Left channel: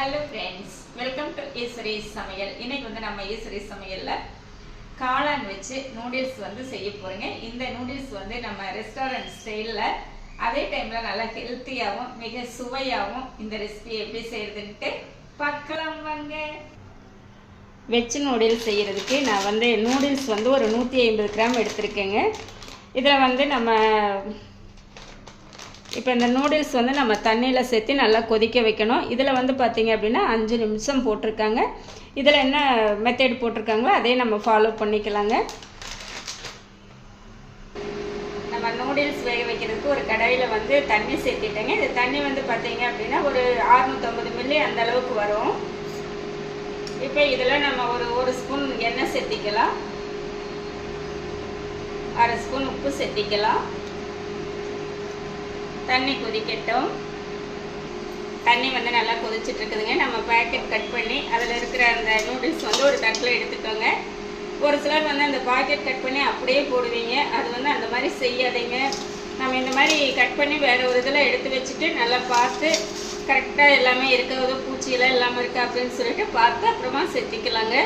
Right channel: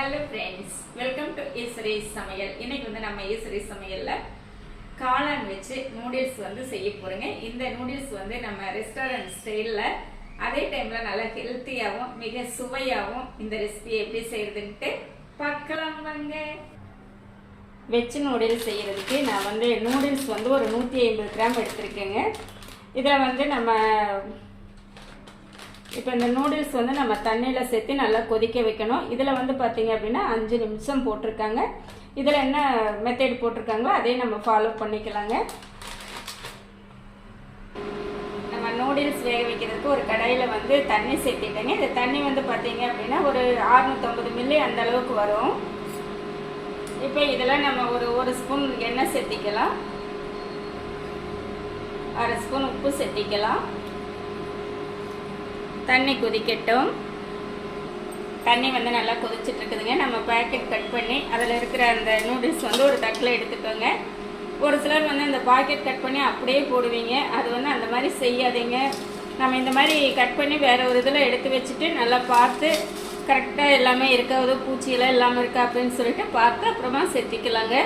Hello friends, welcome to ஈஸ்வரிஸ் சமையல். இன்னைக்கு வந்து நம்ம ஈஸ்வரிஸ் சமையலில் காளான் வச்சு நூடுல்ஸ் வந்து செய்ய போகிறோங்க. இந்த நூடுல்ஸ் வந்து நம்ம ரெஸ்டாரண்ட் ஸ்டைலில் அதே டைமில் நல்லா ஹெல்த்தியாகவும் மிக சுவையாகவும் இந்த ரெசிபி எப்படி செய்கிறதுன்ட்டு பார்க்கலாம் வாங்க. வெஜ் நூடுல்ஸ் செய்கிறதுக்கு நான் வந்து நூடுல்ஸ் வந்து ஒரு 150 கிராம் எடுத்திருக்கேங்க. இதில் வந்து நம்ம இப்போ இந்த நூடுல்ஸ் வந்து நம்ம தண்ணியில் சேர்த்து நல்லா கொதிக்க வைக்கணும். இதில் வந்து பார்த்திங்க அப்படின்னா 5 நிமிஷம் போட்டிருக்காங்க. இதில் என்ன மெத்தட் போட்டிருக்காங்களோ அதே நம்ம ஃபாலோ பண்ணிக்கலாங்க. நம்ம நூடுல்ஸ் வேக வைக்கிறதுக்கு ஒரு கடாயில் வந்து தண்ணி சேர்த்திட்டேங்க. இந்த தண்ணி வந்து பார்த்திங்க அப்படின்னா ஒரு 650 மில்லி அந்த அளவுக்கு வரும். இப்போ இதில் நம்ம ஒரு ஸ்பூன் எண்ணெய் சேர்த்திக்கலாம், 1/2 ஸ்பூன் உப்பு சேர்த்திக்கலாம். தண்ணி கொதிக்கட்டும். தண்ணி வந்து நல்லா கொதிச்சுட்டு இருக்குதுங்க. நம்ம பேக்கெட் கட் பண்ணி அதில் இருக்கிற அந்த நூடுல்ஸ் வந்து ஒரு தட்டில் எடுத்துக்கோங்க. ஒரு சிலர் வந்து அந்த பாக்கெட் கட் பண்ணி அப்படியே போடுவீங்க. அது வந்து அந்த மாதிரி செய்யாதீங்க. நம்ம இந்த மாதிரி கட் பண்ணி வேறு ஒரு இதில் எடுத்து வச்சுட்டு நல்லா பார்த்து கரெக்டாக எல்லாமே இருக்காது, பூச்சியெல்லாம் இல்லாமல் இருக்கா அப்படின்னு சொல்லிட்டு பார்த்து அப்புறமா சேர்த்திக்கலாங்க.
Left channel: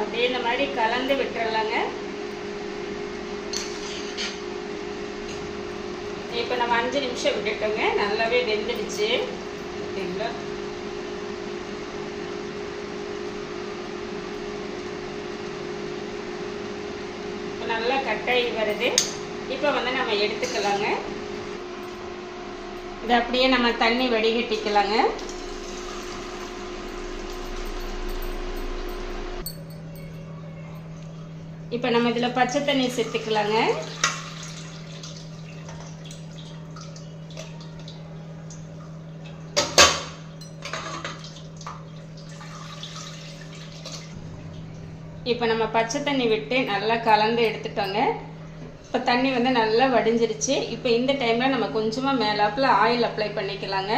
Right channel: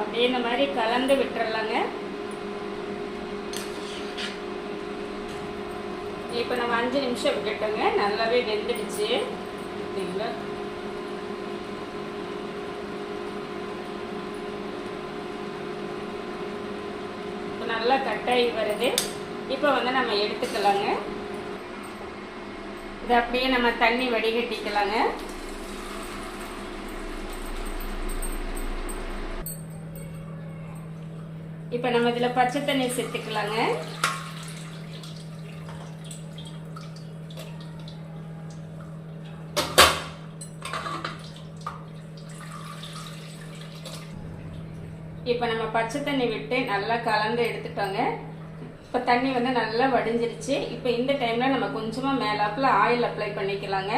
அப்படியே இந்த மாதிரி கலந்து விட்டுறலாங்க. இப்போ நம்ம 5 நிமிஷம் விட்டுட்டோங்க. நல்லாவே வெந்துடுச்சு. இப்போ நல்லா கட்டாகி வருது. இப்போ வந்து நம்ம எடுத்துக்கலாங்க. இதை அப்படியே நம்ம தண்ணி வடிகட்டிக்கலாங்க. இப்போ நம்ம இதில் பச்சை தண்ணி சேர்த்துக்கலாங்க. இப்போ நம்ம பச்சை தண்ணி விட்டு நல்லா கலந்து எடுத்துட்டோங்க. இப்போ தண்ணி வந்து நல்லா வடிஞ்சிருச்சு. இப்போ இந்த டைமில் நம்ம கொஞ்சமாக மேலாப்பில் ஆயில் அப்ளை பண்ணிக்கலாங்க.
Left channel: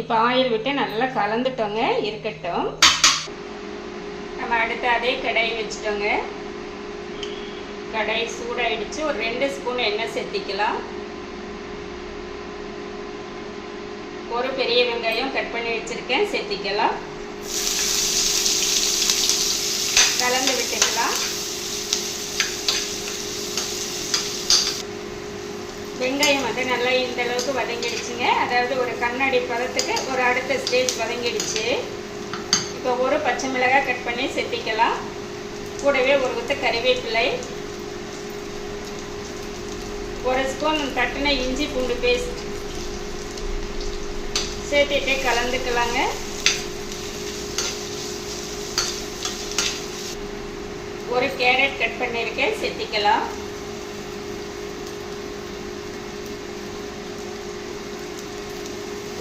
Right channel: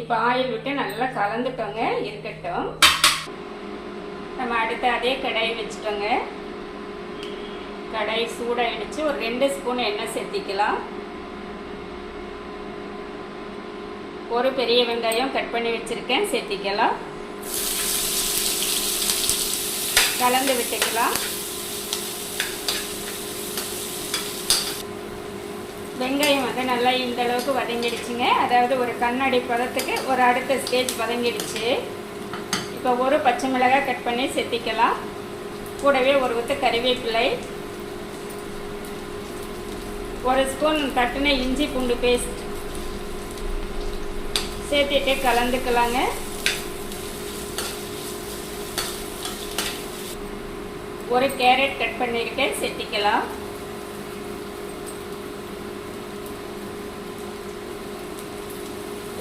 இப்போ ஆயில் விட்டு நல்லா கலந்துட்டோங்க. இருக்கட்டும். நம்ம அடுத்து அதே கடாய் வச்சுட்டோங்க. கடாய் சூடாயிடுச்சு. ஒரு 2 ஸ்பூன் எண்ணெய் சேர்த்திக்கலாம். ஒரு பெரிய வெங்காயம் கட் பண்ணி வச்சுருக்கேன், சேர்த்திக்கலாம். கலந்து விட்டுக்கலாம். வெங்காயம் வந்து நல்லா இந்த அளவுக்கு வதங்கிடுச்சுங்க. அதாவது ஒரு கண்ணாடி பதத்துக்கு ஒரு அடுத்த ஸ்டேஜ் வதங்கிடுச்சு. இப்போ ஒரு பச்சை மிளகாய் கட் பண்ணி சேர்த்திக்கலாம். கூடவே ஒரு ஊற்று கறிவேப்பிலை, 1 ஸ்பூன் தட்டின இஞ்சி பூண்டு பேஸ்ட் சேர்த்துட்டே கலந்துக்கலாங்க. ஒரு கேரட் கட் பண்ணியிருக்கேன், சேர்த்திக்கலாம்.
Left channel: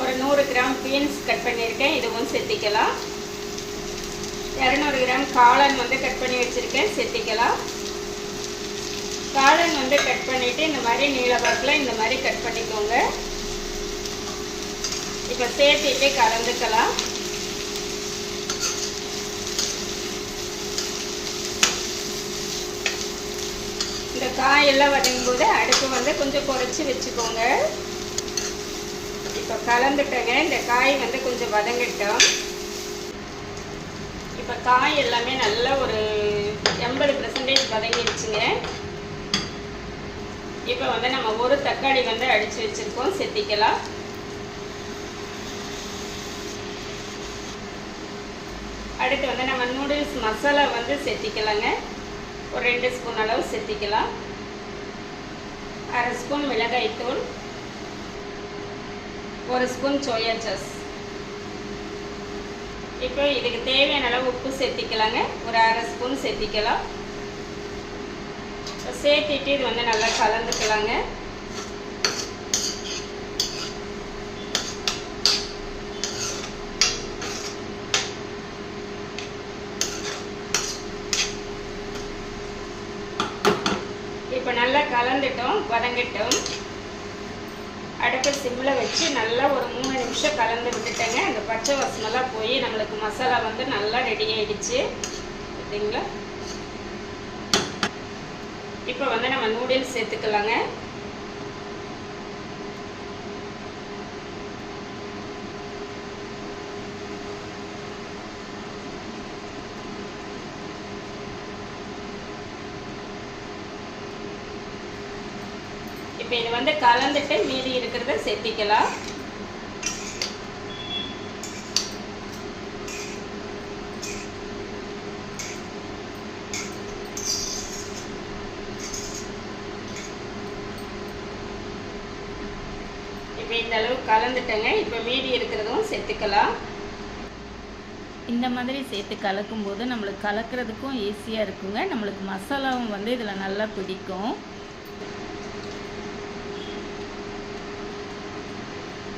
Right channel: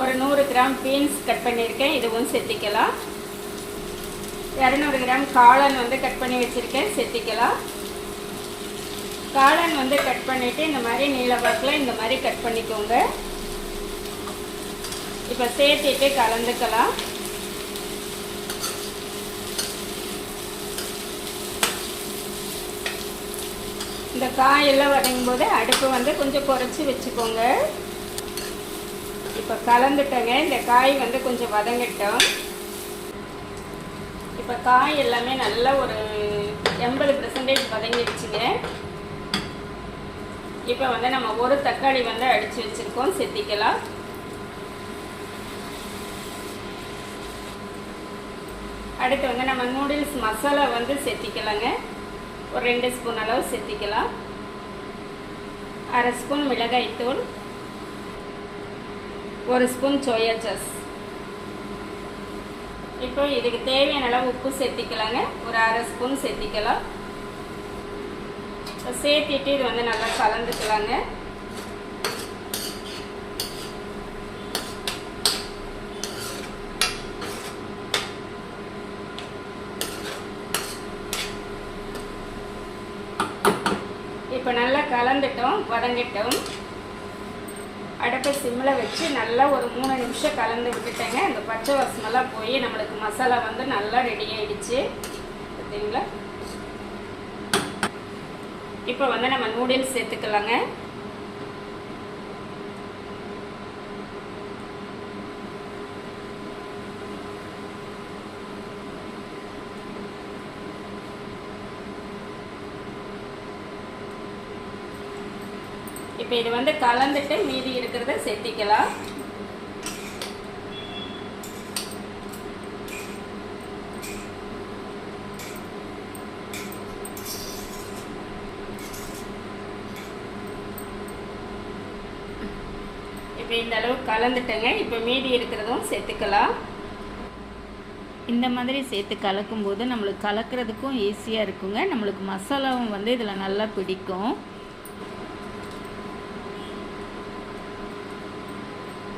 ஒரு 100 கிராம் பீன்ஸ் கட் பண்ணியிருக்கேன், இதுவும் சேர்த்திக்கலாம். 200 கிராம் காளான் வந்து கட் பண்ணி வச்சுருக்கேன், சேர்த்திக்கலாம். காளான் வந்து கட் பண்ணிவிட்டு இந்த மாதிரி நீளவாக்கில் இந்த மாதிரி கட் பண்ணிக்கோங்க. இப்போ சேர்த்திட்டு கலந்துக்கலாம். இந்த காயெல்லாம் வதங்கும் போது அடுப்பு வந்து கொஞ்சம் குறைச்சி வச்சுக்கோங்க. இப்போ கலந்துட்டங்க. இந்த காய் வந்து கொஞ்சம் வதங்கட்டும். இப்போ காய் எல்லாமே நல்லா ஒரு 80% வதங்கிடுச்சுங்க. இப்போ வந்து நம்ம ஒரு தக்காளி வந்து அடித்து வச்சுருக்கோம், சேர்த்திக்கலாம். அடுத்து வந்து நம்ம நூடுல்ஸ் மசாலா வந்து சேர்த்திக்கலாங்க. ஒரு 2 ஸ்பூன் அளவு சேர்த்திக்கலாம். 1/2 ஸ்பூன் மிளகாய்த்தூள், 1 ஸ்பூன் சோயா சாஸ். இப்போ இதுக்கு தேவையான அளவு உப்பு சேர்த்திக்கலாங்க. ஒரு 1/2 ஸ்பூன் சேர்த்திக்கலாம். சேர்த்திட்டு இது வந்து நல்லா கலந்துக்கலாங்க. நிமிஷம் வதங்கட்டும். அடுப்பை சிம்மில் வச்சு நல்லா ஒரு 3 நிமிஷம் கலந்து விட்டுட்டேங்க. அந்த பச்சை வாசமெல்லாம் போய் நம்மளுக்கு மசாலா வந்து நல்லா ரெடி ஆகிடுச்சு. பார்த்தீங்களா? இப்போ வந்து நம்ம நூடுல்ஸ் சேர்த்துக்கலாங்க. இப்போ இது வந்து கலந்துட்டு மீதி இருக்கிறத சேர்த்திக்கலாம். இப்போ இந்த அளவுக்கு கலந்துட்டேங்க. இப்போ மீதி இருக்கிறதும் சேர்த்துக்கலாம். இந்த மாதிரி சேர்த்து கலக்கும்போது நம்மளுக்கு கலக்கிறதுக்கும் ஈஸியாக இருக்குங்க. நம்மளுக்கு மசாலாவும் வந்து இதில் நல்லா பிடிக்கும்.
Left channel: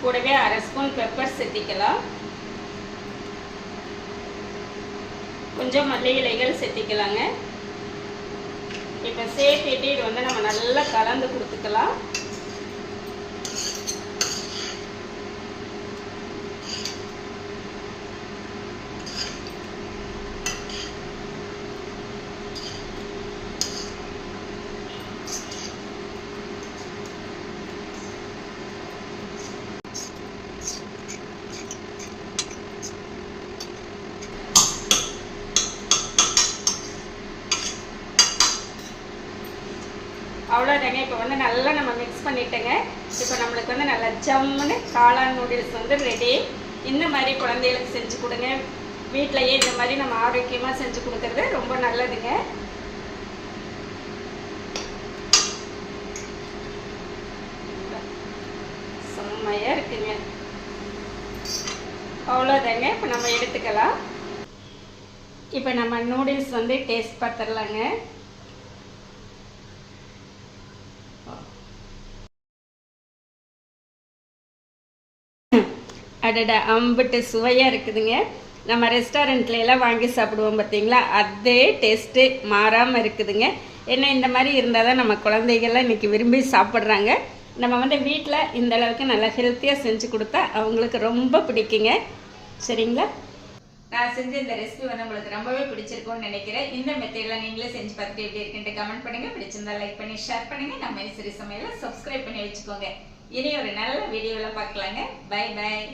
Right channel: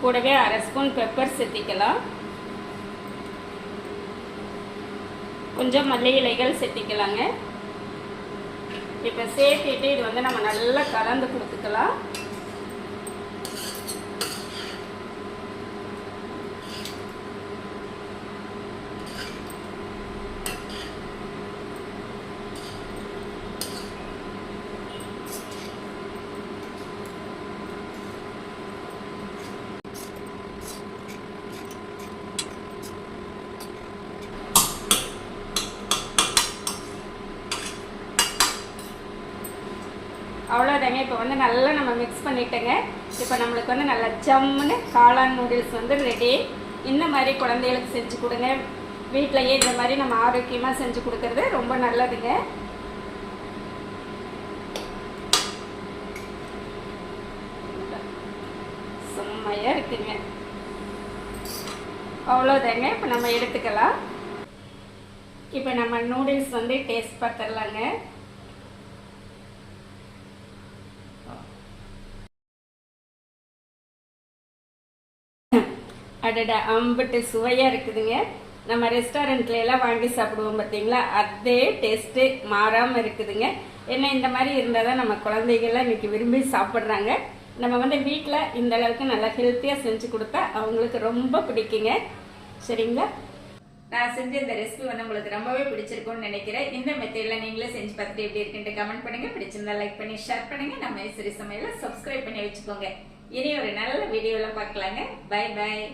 கூடவே 1/2 ஸ்பூன் பெப்பர் சேர்த்திக்கலாம். கொஞ்சம் மல்லி இலைகள் சேர்த்திக்கலாங்க. இப்போ சேர்த்துட்டு இது வந்து நம்ம நல்லா கலந்து கொடுத்துக்கலாம். அவ்வளோதாங்க. இப்போ வந்து நல்லா நம்ம மிக்ஸ் பண்ணிட்டேங்க. இப்போ நம்மளுக்கு வந்து நல்லா ஜம்முன்னு காளான் நூடுல்ஸ் வந்து ரெடி. இந்த மாதிரி குழந்தைகளுக்கு செஞ்சு கொடுங்க. வீட்டிலையே இந்த மாதிரி நம்ம ஆரோக்கியமாக செஞ்சு கொடுக்கறது ரொம்ப நல்லதுங்க. செம்மையாக இருக்குங்க. அவ்வளோதாங்க. இப்போ நம்ம எடுத்துக்கலாம். இப்போ நம்ம நூடுல்ஸ் வந்து டேஸ்ட் பார்த்துடலாங்க. அடடா, அம்பிட்டு சுவையாக இருக்குதுங்க. நம்ம ரெஸ்டாரண்ட்ல எல்லாம் வாங்கி சாப்பிடுவோம் பார்த்தீங்களா, அதே டேஸ்ட்டு மாறாமல் இருக்குதுங்க. ஏன்னா இந்த மாதிரி இருந்தால் தான் நம்ம குழந்தைகள்லாம் இன்றைக்கி விரும்பி சாப்பிட்றாங்க. நம்ம வந்து வீட்டில் இந்த அளவுக்கு நல்லா ஹெல்த்தியாக செஞ்சு கொடுத்தா அவங்களுக்கு ரொம்ப பிடிக்குங்க. சரிங்களா? நான் செஞ்ச இந்த ரெசிபி வந்து உங்களுக்கு ரொம்பவே பிடிச்சிருக்கும்னு நினைக்கிறேன். இந்த மெத்தடில் நீங்களே செஞ்சு பார்த்துட்டு எப்படி இருக்குன்ட்டு கமெண்ட் பண்ணுங்கள். பிடிச்சிருந்தா லைக் பண்ணி ஷேர் பண்ணுங்கள். நம்ம ஐஸ்வரி சமையலை சப்ஸ்கிரைப் பண்ணி வச்சுக்கோங்க. இனி ஒரு நல்ல வீடியோவில் பார்க்கலாங்க. Bye bye.